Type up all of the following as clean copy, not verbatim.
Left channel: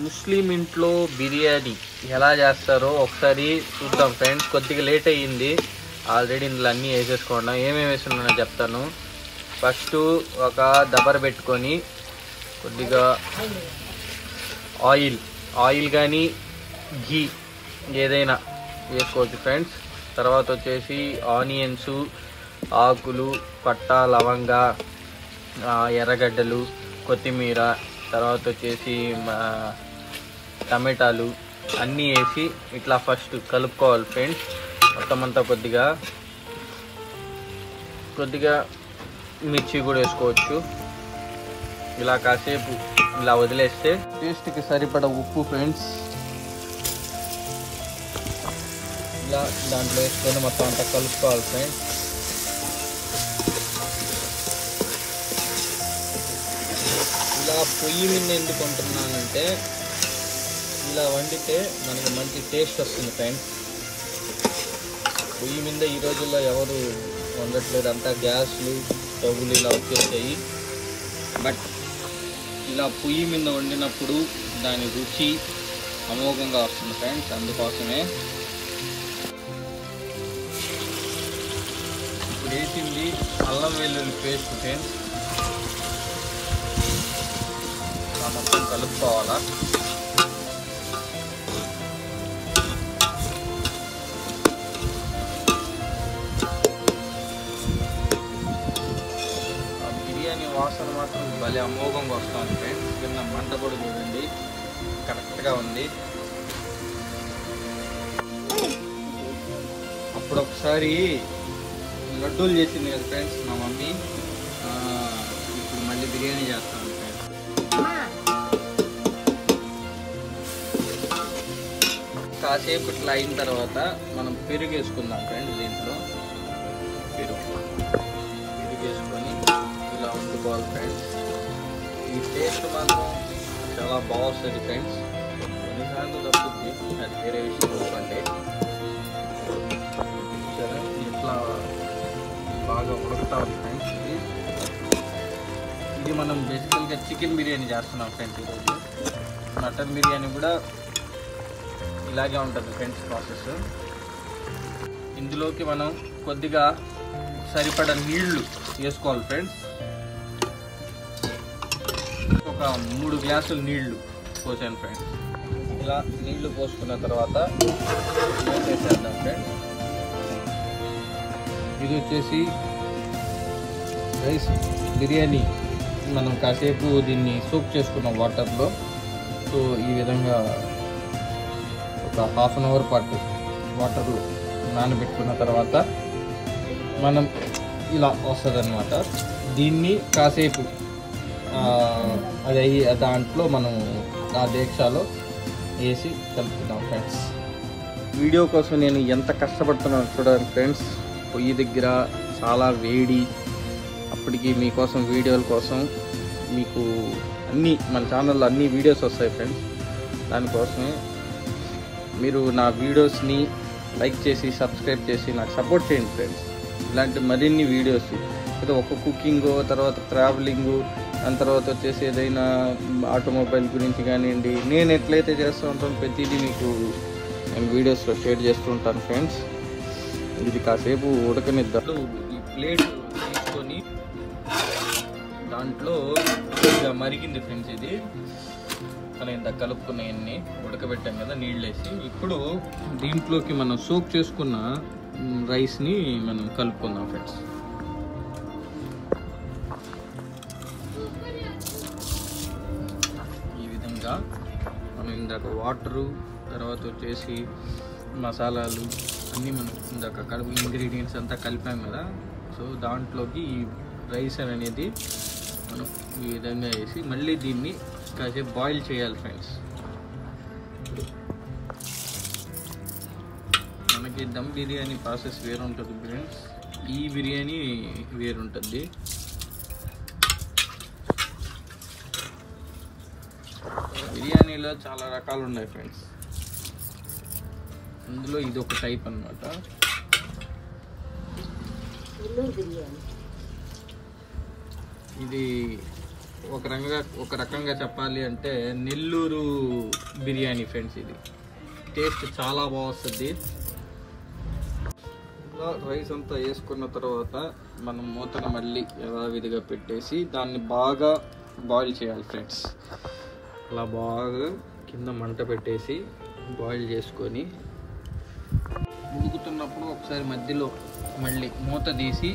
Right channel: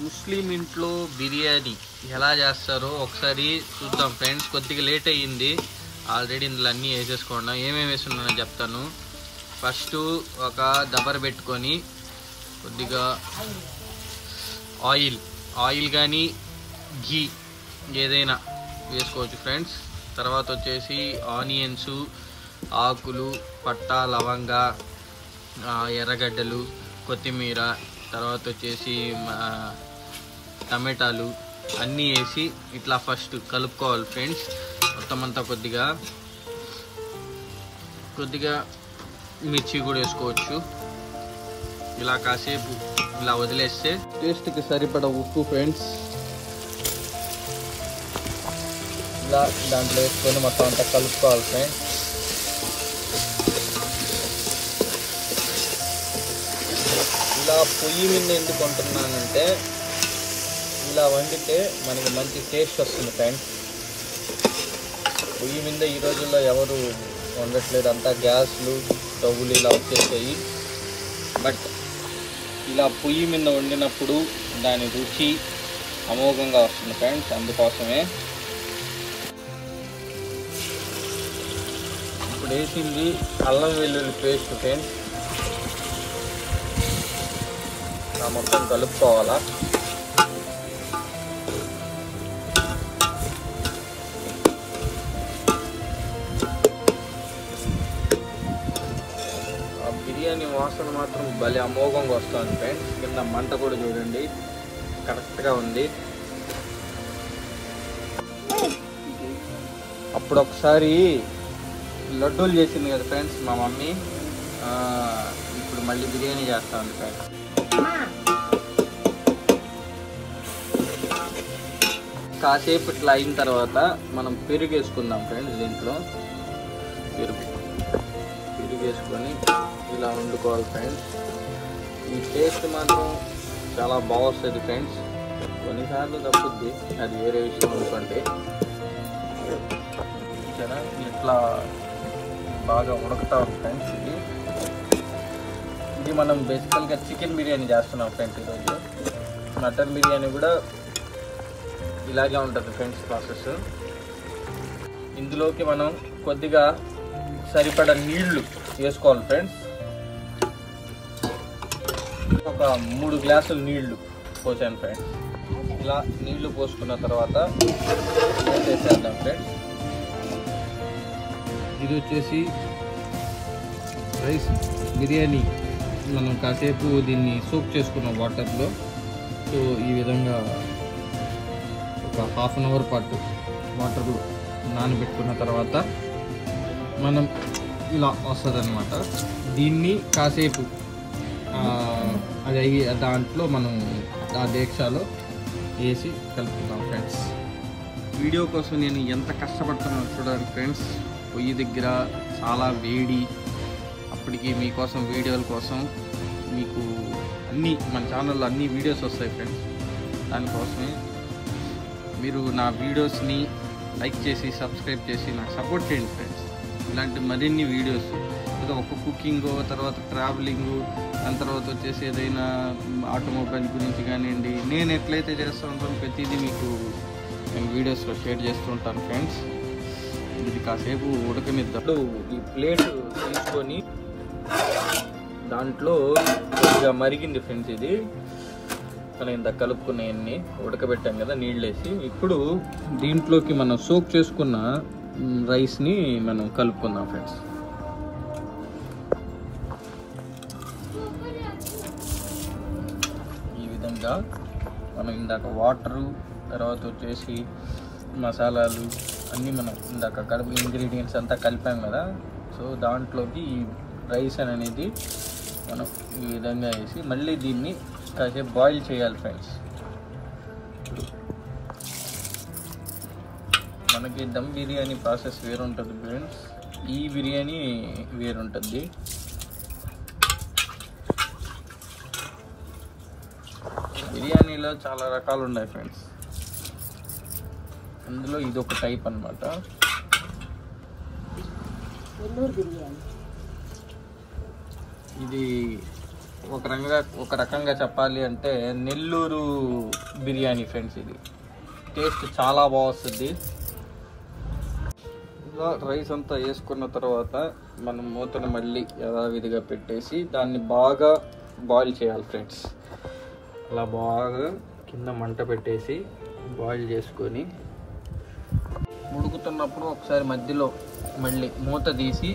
ముస్లిం ఇంట్లో బిర్యానీ ఎలా చేస్తారో ఒకసారి చూద్దాం ఫ్రెండ్స్. కొద్దిగా లేట్ అయ్యింది, ఆల్రెడీ ఇందులో అన్నీ వేసేసుకోండి. ఏమేమి వేస్తున్నానో చెప్తాను. ఫస్ట్ ఒక దబర పెట్టుకొని కొద్దిగా ఆయిల్ కానీ ఘీ ఏదైనా వేసుకోవచ్చు ఫ్రెండ్స్. తర్వాత వచ్చేసి ఆనియన్స్, ఆకులు, పట్టా, లవంగ, ఎర్రగడ్డలు, కొత్తిమీర, తర్వాత వచ్చేసి టమాటాలు అన్నీ వేసి ఇట్లా ఫస్ట్ కలుపుకోవాలి ఫ్రెండ్స్. మొత్తం అంతా కొద్దిగా మిర్చి కూడా వేసుకోవచ్చు. ఇలా కాసేపు ఇలా వదిలేస్తే టేస్ట్కి సరిపడా ఉప్పు ఫ్రెండ్స్ ఇలా దాంట్లో వేసుకొని మొత్తం అంతా కలుపుకోవాలి ఫ్రెండ్స్. ఇలా పొయ్యి మీద ఎందుకు కొంటున్నానంటే ఇలా వండితే మనకు మంచి టేస్ట్ వస్తుంది ఫ్రెండ్స్. పొయ్యి మీద ఈ రోజుల్లో ఎవరు వండట్లేదు, అంతా గ్యాస్లు, స్టవ్లు ఇలా వచ్చేసాయి. బట్ ఇలా పొయ్యి మీద వండినప్పుడు దాని రుచి అమోఘంగా వస్తుంది ఫ్రెండ్స్. అందుకోసమే ఇప్పుడు వేసింది అల్లం వెల్లుల్లి పేస్ట్ ఫ్రెండ్స్. మొత్తం కలుపుకోవాలా. బిర్యానీ వాసన మాత్రం భలే అమోఘంగా వస్తుంది ఫ్రెండ్స్. కింద మంట కూడా చూడండి కరెక్ట్గా ఉంది. అప్పుడు ఒకసారి లడ్డూలు చేసింది కదా ఫ్రెండ్స్ మా మమ్మీ, ఇప్పుడు మళ్ళీ బిర్యానీ చేస్తాను ఫ్రెండ్స్. కాసేపు ఇట్లా అయిన తర్వాత మనం పెరుగు వేసుకుందాం ఫ్రెండ్స్. దీంట్లో పెరుగు వేసుకొని ఇలా వండుకోవాలి ఫ్రెండ్స్. ఈ టేస్ట్ మాత్రం చాలా బాగుంటుంది ఫ్రెండ్స్. కొన్నిసార్లు తప్పుద్ది, అది వేరే విషయం అనుకోండి. సరే ఇట్లా బాగా ఉడకతా ఉంది ఫ్రెండ్స్. ఇది మనం బేసికల్గా చికెన్ బిర్యానీ చేస్తున్నాం ఫ్రెండ్స్. ఈరోజు మటన్ బిర్యానీ కూడా ఇలాగే ఉంటుంది ఫ్రెండ్స్ ప్రాసెస్. ఇందులోకి మనం కొద్దిగా సరిపడా నీళ్లు వేసుకోవాలి ఫ్రెండ్స్. ఒక 3 గ్లాసులు నీళ్లు పోసాను ఫ్రెండ్స్. ఇలా నీళ్లు పోసుకున్న తర్వాత ఏం వేసేద్దాం ఫ్రెండ్స్. ఇది వచ్చేసి రైస్ బిర్యానీ. మనం కాసేపు దీన్ని సోక్ చేసుకున్నాం వాటర్లో. సో ఈ విధంగా ఒక ½ అన్ అవర్ పాటు వాటర్లో నానబెట్టుకున్న తర్వాత మనం ఇలా వస్తుంది అన్నమాట. దీన్ని కాసేపు అది దాంట్లో మనం ఆ దీక్షలో వేసి కలుపుకుందాం ఫ్రెండ్స్. వీడియో కోసం నేను ఎంత కష్టపడుతున్నాను చూడండి ఫ్రెండ్స్. పొయ్యి దగ్గర చాలా వేడి. అప్పటికి మీకోసం వీడియోల కోసం మీకు అన్నీ మన ఛానల్లో అన్ని వీడియోస్ వస్తాయి ఫ్రెండ్స్. దానికోసమే మీరు నా వీడియోస్ని లైక్ చేసి సబ్స్క్రైబ్ చేసి నాకు సపోర్ట్ చేయండి ఫ్రెండ్స్. ఇలాంటి మరిన్ని వీడియోస్ ఏదో ఒక కుకింగ్, తర్వాత ట్రావెలింగ్, దాని తర్వాత వచ్చేసి ఏదైనా ఆటోమొబైల్ గురించి కానివ్వండి, నేను ఎట్లయితే చేస్తూ ఉంటాను ప్రతిదీ మీకు నేను వీడియోస్లో షేర్ చేస్తూ ఉంటాను ఫ్రెండ్స్. ఇది కాసేపు ఉడకనిద్దాం. ఈ ప్లేట్ తీసుకొని దాంట్లో కొద్దిగా మరిగింది ఫ్రెండ్స్. ఇది మనం ఇంత కలుపుకున్నవన్నీ ఉడకబెట్టాం కదా నీళ్ళు వేసి. ఇప్పుడు దీంట్లోకి మనం సోక్ చేసుకున్న రైస్ని మనం కలుపుకుందాం ఫ్రెండ్స్. ఈ విధంగా మనం ఇందాక వాటరు, తర్వాత వచ్చేసి మసాలాలు అన్నీ మనం ఇందాక ఇంగ్రీడియంట్స్ అంతా కలిపాం కదా. సో దాంట్లోకి ఈ రైస్ అనేది మనం ఈ విధంగా వేసి మళ్ళీ దీన్ని కాసేపు బాయిల్ చేయాలి ఫ్రెండ్స్. మనకి దమ్ బిర్యానీ ప్రాసెస్ వేరుంటుంది ఫ్రెండ్స్, ఈ బిర్యానీ వేరుంటుంది. బిర్యానీలో చాలా రకాలు ఉన్నాయి ఫ్రెండ్స్. అందులో ఇది ఒక టైప్ అన్నమాట. ఇది ఒక రకంగా చెప్పాలి అంటే నెల్లూరు బిర్యానీ ఫ్రెండ్స్. ఇది టేస్ట్ చాలా బాగా వస్తుంది. ఇలా రైస్ అంతా వేసుకున్న తర్వాత మనం మూతను మళ్ళీ యథావిధిగా పెట్టేసి దాన్ని బాగా బాయిల్ చేయాలి ఫ్రెండ్స్. అలా బాగా కింద మంట పెట్టేసి బాయిల్ చేసుకొని ఉడుకుతున్నప్పుడు ఒకసారి మధ్యలో మళ్ళీ మూత తీసి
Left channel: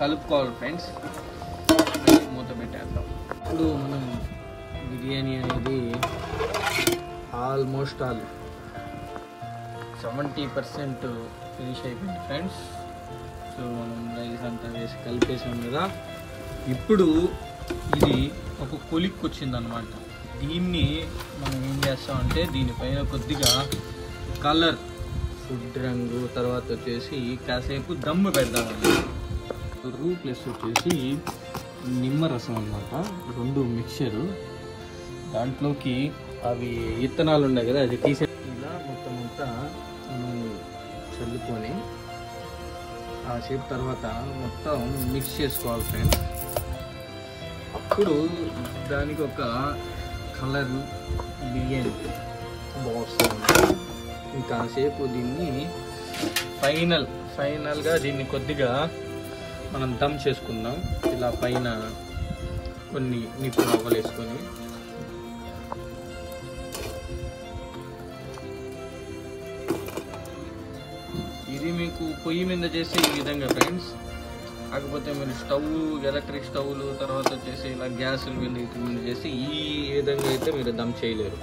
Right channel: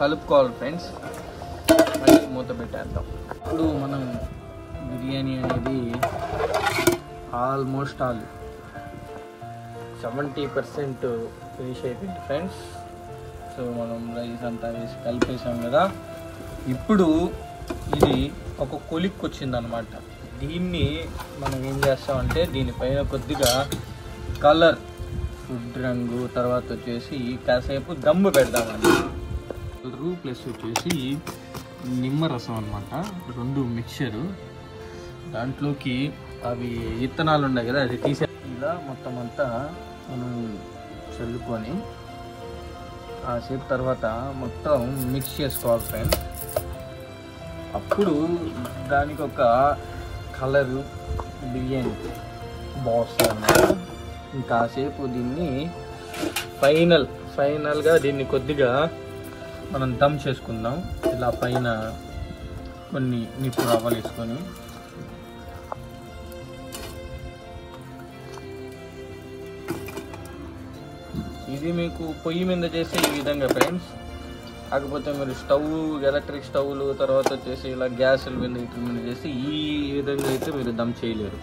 కలుపుకోవాలి ఫ్రెండ్స్. మళ్ళీ మూత పెట్టేద్దాం. ఇప్పుడు మనం బిర్యానీ అనేది ఆల్మోస్ట్ 70% ఫినిష్ అయిపోయింది ఫ్రెండ్స్. సో మనం రైస్ అంతా వేసి కలిపేసాం కదా. ఇప్పుడు ఇది ఒక కొలిక్కి వచ్చిందనమాట. దీన్ని మనం ఏం చేస్తామంటే దీనిపైన కొద్దిగా కలర్, ఫుడ్ రంగు, తర్వాత వచ్చేసి కాసేపు దమ్ము పెడదామండి. ప్లస్ వచ్చేసి నిమ్మరసం అనమాట, 2 మిక్చరు. దాంట్లోకి అవి విత్తనాలు ఉన్నాయి కదా, అది తీసే ఇలా మొత్తం అంతా మనం చల్లుకొని ఆ సేపు తర్వాత మొత్తం మిక్స్ చేసుకోవాలి ఫ్రెండ్స్. అప్పుడు దానికి ఒక కలరు బిర్యానీ బాగుంటుంది అన్నమాట. ఇంకాసేపు దీన్ని ఫైనల్గా దీన్ని కొద్దిగా మనం దమ్ చేసుకుందాం. ఇలా పైన కొన్ని నిప్పు రవ్వలు వేసుకొని ఇది మీకు పొయ్యి మీద చేసే ఈ విధంగా ఫ్రెండ్స్. కాకపోతే మీరు ఎలక్ట్రిక్ స్టవ్లు, తర్వాత వచ్చేసి ఇలా గ్యాసుల మీద చేసి ఈ విధంగా అయితే మీరు దమ్ చేయలేరు.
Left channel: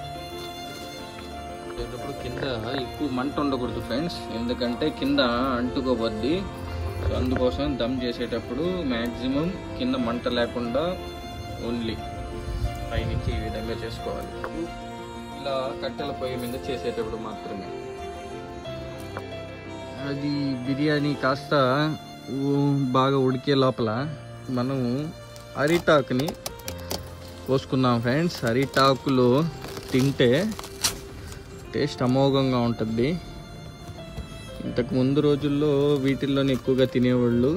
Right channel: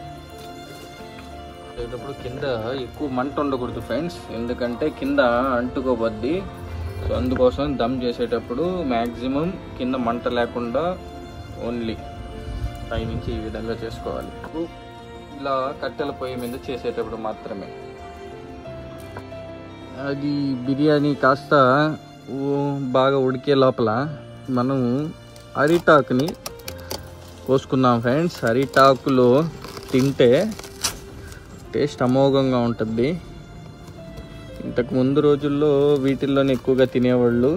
చేసేటప్పుడు కింద ఎక్కువ మంట ఉండకూడదు ఫ్రెండ్స్, ఎందుకంటే కింద అంటుకోబద్ది. సో అందుకోసం దమ్ చేసేటప్పుడు మ్యాక్సిమం కింద మంట లేకుండా ఓన్లీ పైనుంచి ఈ విధంగా చేసుకోవాలి. ఇలా కట్టెల పొయ్యి మీద చేసేటప్పుడు మాత్రమే. అది బిర్యానీ కాస్త బాగా ఉడికే లోపల మనం అరిటాకుని కోసుకుందాం ఫ్రెండ్స్. అరిటాకులో తింటే టేస్ట్ అమోఘంగా ఉంటుంది. ఇంతకు ముందు రోజుల్లో వీటిల్లోనే ఎక్కువగా తినేవాళ్ళు.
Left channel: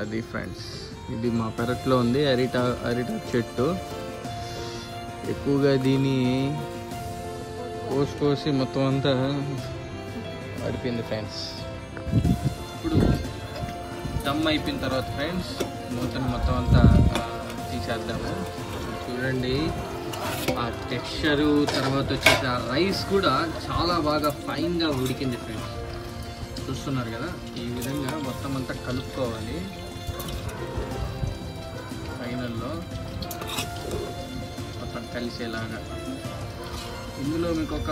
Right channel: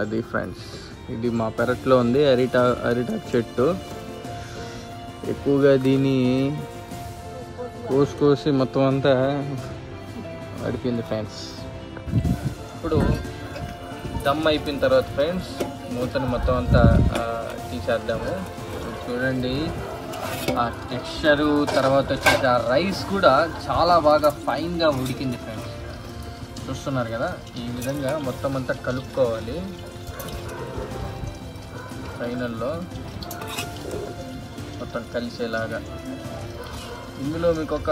అది ఫ్రెండ్స్, ఇది మా పెరట్లో ఉంది అరిటాకు చెట్టు. ఎక్కువగా దీన్ని కోసి మొత్తం అంతా అడిపింది ఫ్రెండ్స్. ఇప్పుడు దమ్ అయిపోయిన తర్వాత ఫ్రెండ్స్ మూతని మొత్తం అంతా తీసేద్దాము. చూడండి ఆ టెక్స్చరు, తర్వాత వచ్చేసి ఆ రైస్ కూడా చాలా బాగా ఫైన్గా ఉడికింది ఫ్రెండ్స్. చూస్తున్నారు కదా, ఈ విధంగా మొత్తం అంతా కలుపుకోవాలి. ఫైనల్లో మొత్తం కలిసేలాగా. ఇందులో మీకు ఒక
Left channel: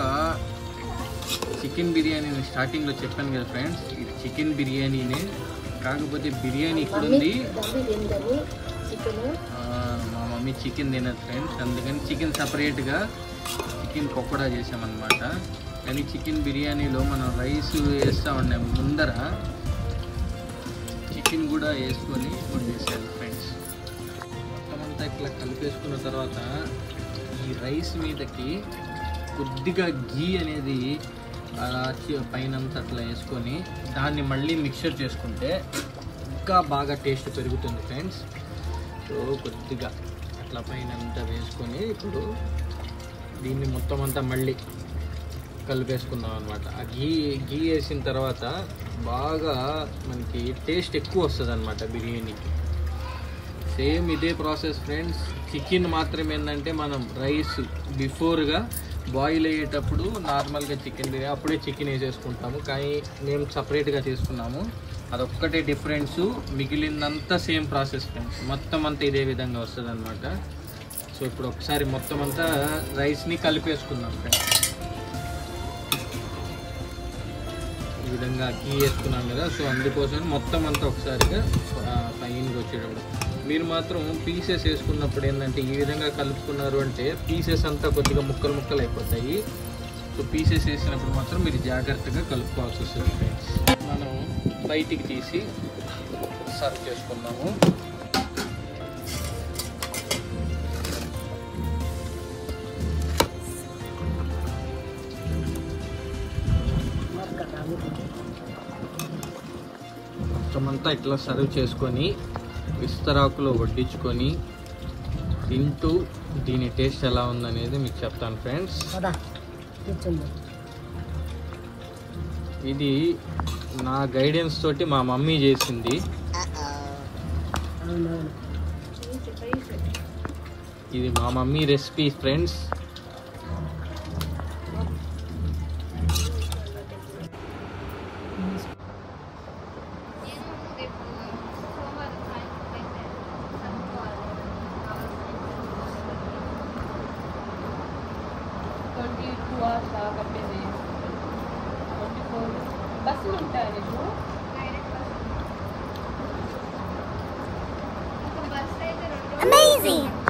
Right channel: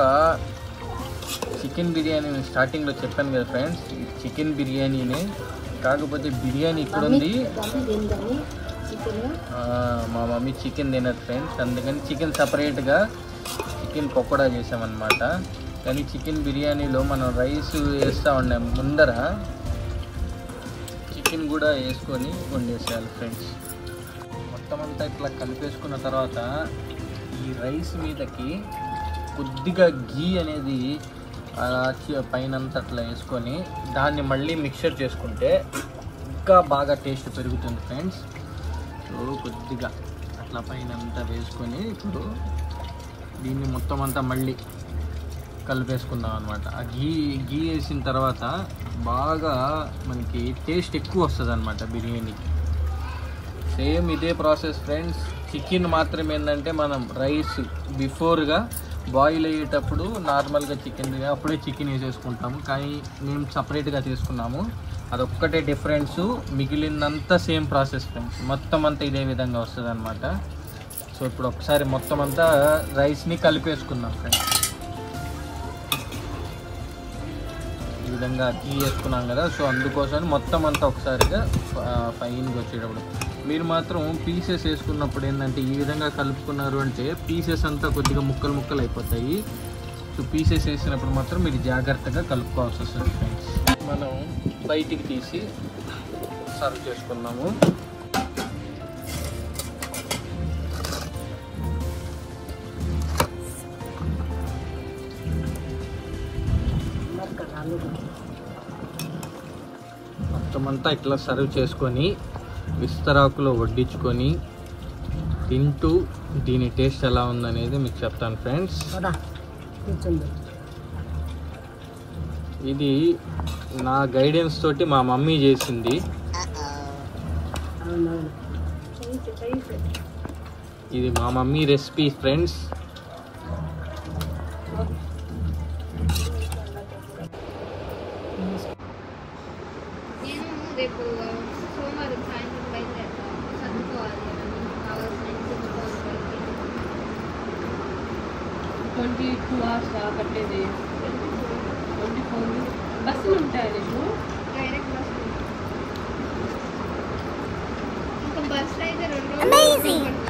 చికెన్ బిర్యానీ స్టార్టింగ్లో చెప్పాను కదా ఫ్రెండ్స్, ఇది చికెన్ బిర్యానీనే. కాకపోతే బిర్యానీ ఇక్కడ ఉంది, మా మమ్మీ చికెన్ తినదు ఫ్రెండ్స్, అందుకని చికెన్ సపరేట్గా చికెన్ పకోడా చేసామన్నమాట. కానీ చికెన్ బిర్యానీలో మనం రైస్ వేస్తూ ఉన్నాం, ముందర చికెన్ కూడా వేసుకొని వండేసాను ఫ్రెండ్స్. మొత్తం అంతా ఇట్లా కలిపేసుకున్న తర్వాత ఈ రైస్ మీదకి కొద్దిగా ఘీ అనేది పైనంతా అట్లా వేసుకొని దాన్ని మళ్ళీ మిక్చర్ చేసుకుంటే ఇంకా బాగా టేస్ట్ పెరుగుతుంది ఫ్రెండ్స్. సో కొద్దిగా అట్లా పైనంతా వేసుకొని ఇప్పుడు దీన్ని మొత్తం అంతా మళ్ళీ కలిపేసుకుందాం అనమాట. ఆ ఘీ వేసిన తర్వాత బాగా మనకి టేస్ట్ ఎక్కువ వస్తుంది అనమాట బిర్యానీ. సేమ్ ఇదే ప్రాసెస్ ఫ్రెండ్స్. చికెన్ మాత్రం ఏంటంటే మనం రైస్ బిఫోర్గా బాయిల్ అయ్యేటప్పుడు నార్మల్గా చికెన్ బిర్యానీ అప్పుడే చికెన్ వేసేసుకుంటాము, కానీ మేము సపరేట్గా చేసుకున్నాము. అదొక్కటే డిఫరెన్స్, మిగిలినంతా సేమ్ ప్రాసెస్ ఫ్రెండ్స్. మొత్తం అంతా ఇదే విధంగా వస్తుంది అనమాట. సో ఇప్పుడు ఒకసారి మొత్తం అంతా రైస్ని కలిపేసుకుందాం ఫ్రెండ్స్. ఈ విధంగా ఘీ వేసుకున్నాం కదా, సో అందుకోసం మొత్తం అంతా ఒకసారిగా పైనకి వచ్చేటప్పుడు మీరు మాత్రం పీసెస్ వేసుకున్నప్పుడు ఏంటంటే ఈ విధంగా కలుపుకున్నారు అంటే పీసెస్ అంతా కొద్దిగా ముక్కలు అయిపోతాయి. సో పీసెస్ వేసినప్పుడు మాత్రం మీరు జాగ్రత్తగా కలుపుకోవాల్సి వస్తుంది ఫ్రెండ్స్. మనం బయటికి తీసి సర్వ్ చేసుకున్నాము. మొత్తం అంతా ఇట్లా సర్వ్ చేసుకొని విస్తరాకులో వడ్డించుకొని తింటూ దీని టేస్ట్ ఎలా ఉందనేది మీకు చెప్తాను ఫ్రెండ్స్. ఇది నా గైడెన్స్ తోటి మా మమ్మీ చేసింది. ఇది మా మమ్మీ రెసిపీ ఫ్రెండ్స్. బస్సులు ఉంటాయి Amazing!